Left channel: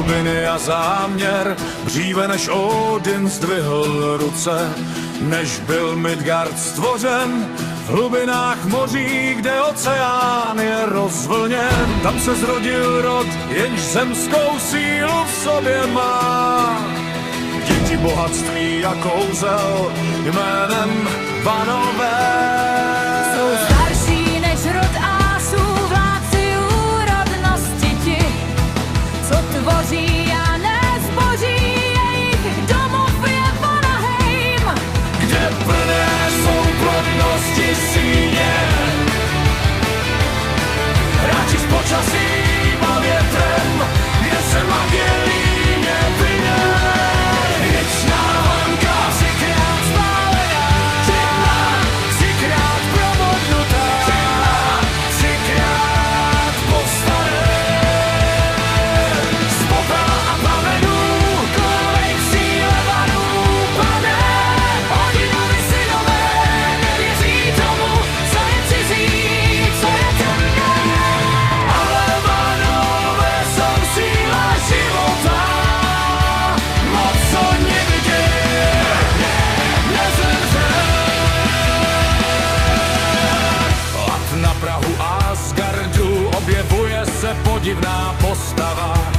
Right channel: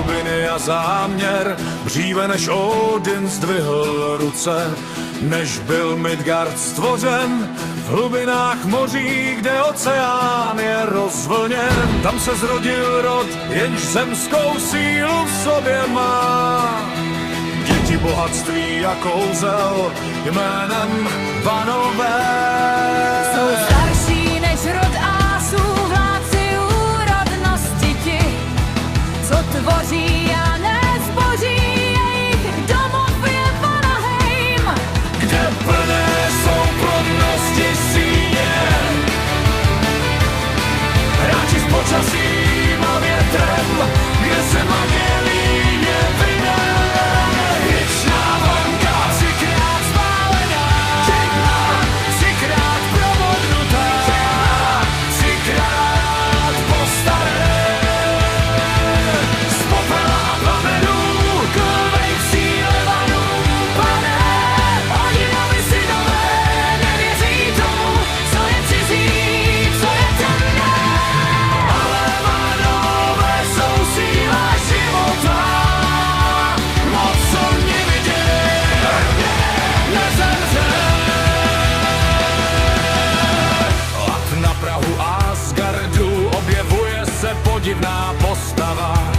hlubiny a záměr, dříve než Odin zdvihl ruce, než byl Midgard stvořen, v hlubinách moří, kde oceán je rozvlněn. Tam se zrodil rod, jenž zemskou sílu v sobě má. Děti bohatství a kouzel jménem Vanové. Jsou starší než rod ásů, vládci úrodnosti ti, co tvoří a nezboří, jejich domov je Vanaheim, kde plné jsou plodnosti síně, hráči s počasím a větrem, kde se magie líně vyne. Věčná vanka, třikrát spálená, třikrát probodnutá, třikrát povstane. Z popela a plamenů, klvej v síle vanů pane. Odinovi synové nevěří tomu, co je cizí, co je temné. Ale vanové jsou síla života, moc co nevidět, nezemře. Lat na prahu Asgardu objevuje se podivná postava,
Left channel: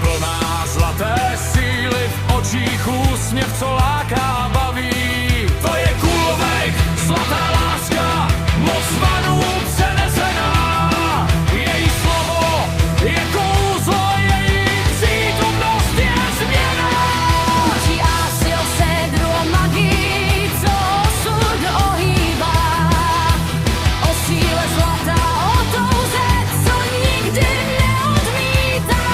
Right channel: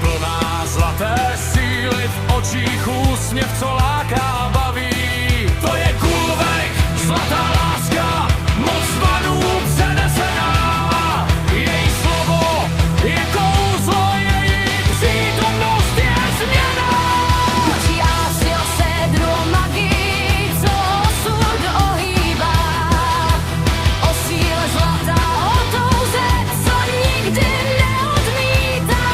plná zlaté síly, v očích úsměv, co láká a baví. To je Gullveig, zlatá láska, moc vanů přenesená. Její slovo je kouzlo, její přítomnost je změna. učí ásy o sédru, o magii, co osud ohýbá, o síle zlata, o touze, co nikdy neodmítá.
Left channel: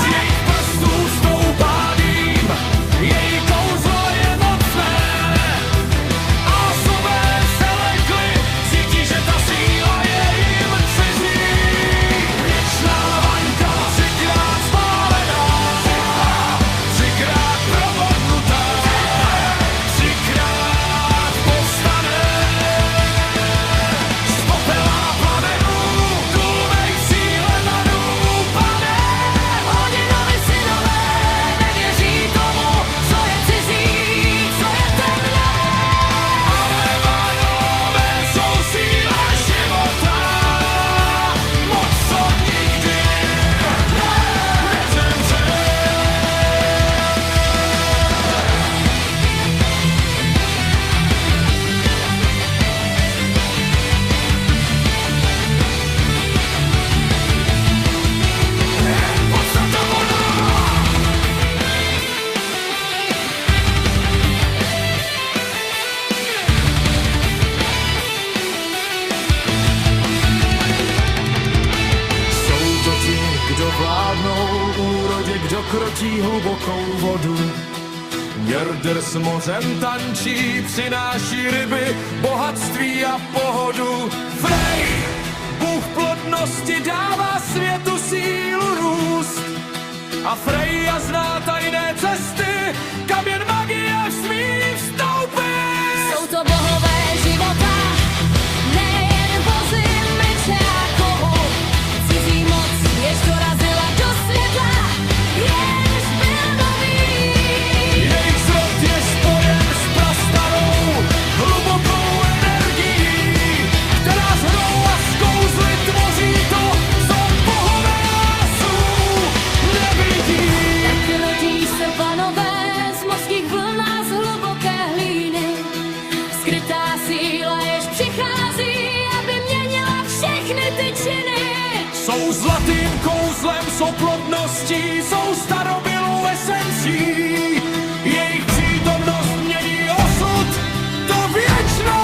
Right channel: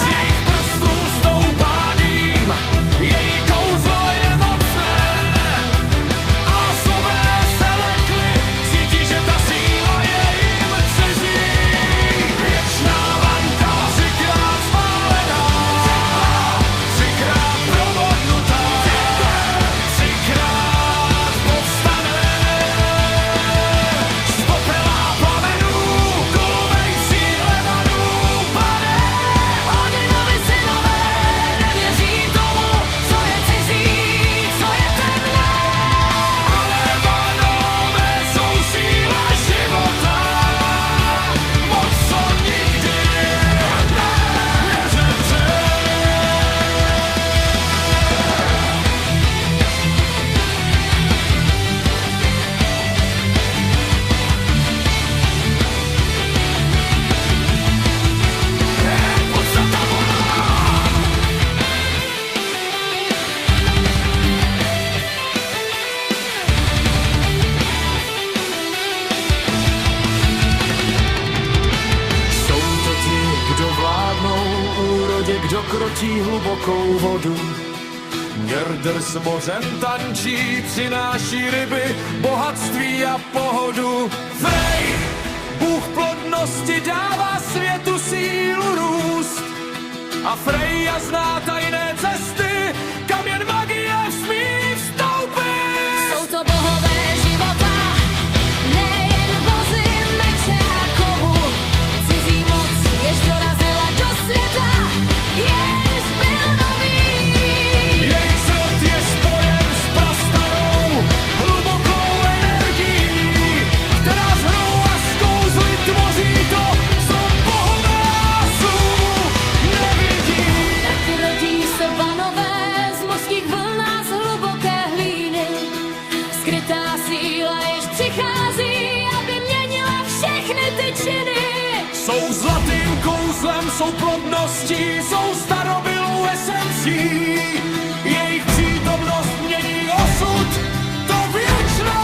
Z jejich prstů stoupá dým, její kouzlo je mocné. Ásové se lekli, cítí, že ta síla je jim cizí. Věčná vanka, třikrát spálená, třikrát probodnutá, třikrát povstane. Z popela a plamenů, Gullveig v síle vanů pane. Odinovi synové nevěří tomu, co je cizí, co je temné. Ale vanové jsou síla života, moc co nikdy nezemře. Podstata voda. Jsou to ti, kdo vládnou úrodě, kdo krotí hlubokou vodu. Njerdr s mořem tančí, přináší ryby, bohatství a pohodu. Frey, bůh plodnosti, dává světu sílu růst. A Freja zná tajné cesty, kam jen magie smí vstoupit. Jsou to bohové života, nejen vozy, meče a kovu. Cizí moc, jež dorazila do světa, jenž byl nový. Jejich zrod je spojen s prastarou, hlubokou energií, která s hrou a s kouzly tvoří to, co bohové ásů nevidí. Tak rodí se vanové z mořských vln a z hluboké hlíny. Skrytá síla, jež přichází, aby měnila všechny ty činy. Jsou zlatým kouzlem, jsou plodností, jsou starobylou esencí. Jejich přítomnost mění osud, to věčná